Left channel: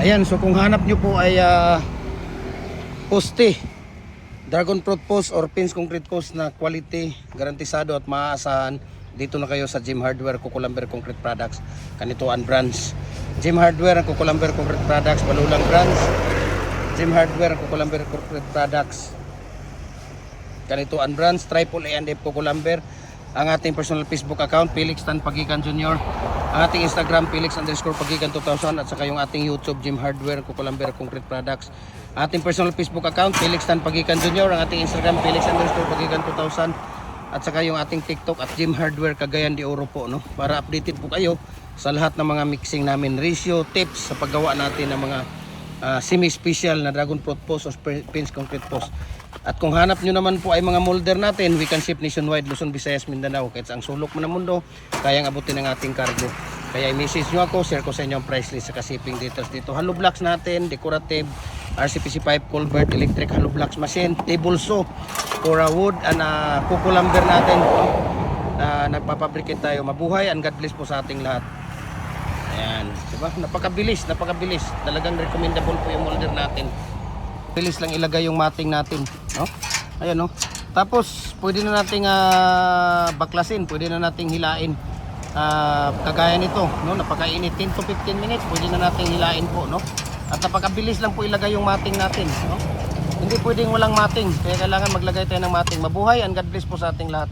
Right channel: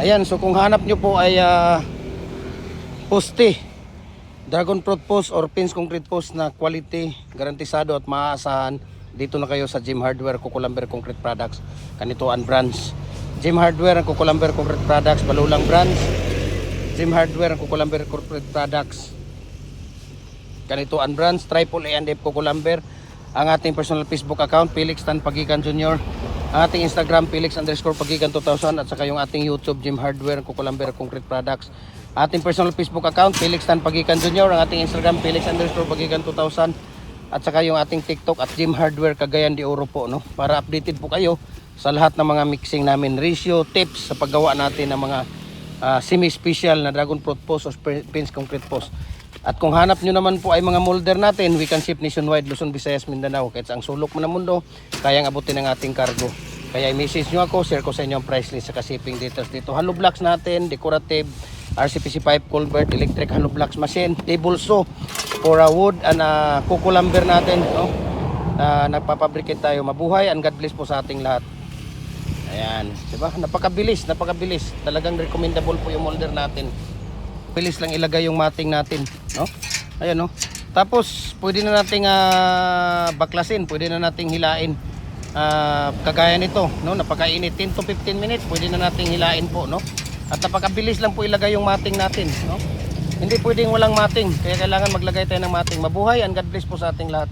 Ayan, so kung hanap nyo po ay poste, dragon fruit post or pins concrete post na quality, garantisado at maaasahan, dito na kayo sa Jim Hardware, Cucolumber Concrete Products, Kanituan Branch. Jim Hardware, Cucolumber Concrete Products, Balulang Branch. Jim Hardware, Cucolumber Concrete Products, Kanituan Branch, Triple A and F Cucolumber. Ang ating personal Facebook account, Felix Tan Pagikan Jr. Ang ating Instagram, Felix_Pagikan 2000. At saka yung ating YouTube, Jim Hardware, Cucolumber Concrete Products. Ating personal Facebook account, Felix Tan Pagikan Jr. Ang ating Instagram, Felix_Pagikan 2000. At saka yung ating TikTok at Jim Hardware Cagayan de Oro po, no? Para updated po kayo sa lahat ng mga mixing namin, ratio, tips sa paggawa natin ng mga semi-special na dragon fruit post o pins concrete post. At kung hanap nyo naman po ay mga molder natin, we can ship nationwide, Luzon, Visayas, Mindanao. Kahit ang sulok mo ng mundo, kayang abutin ng ating cargo. Kaya i-message nyo ako, share ko sa inyo ang price list sa shipping details dito. Hollow blocks natin, decorative, RCPC pipe, culvert, electric hollow blocks machine, table saw for wood, and cucolumber natin. Nagpapabricate tayo. Mabuhay and God bless po sa ating lahat. Ayan, diba? Napakabilis. Talagang recommendable po yung molder natin. Bilis lang ilagay yung mating natin, no? Ayan, no? Tapos pwede na nating baklasin, pwede na nating hilain. Kagaya nito, no? Napakainit, 10 to 15 minutes, pwede na nating hilain po, no? At napakabilis lang po ilagay yung mating natin, no? Hindi pwedeng walang mating, kaya kailangan maglagay tayo ng mating. Mabuhay and God bless po sa ating lahat.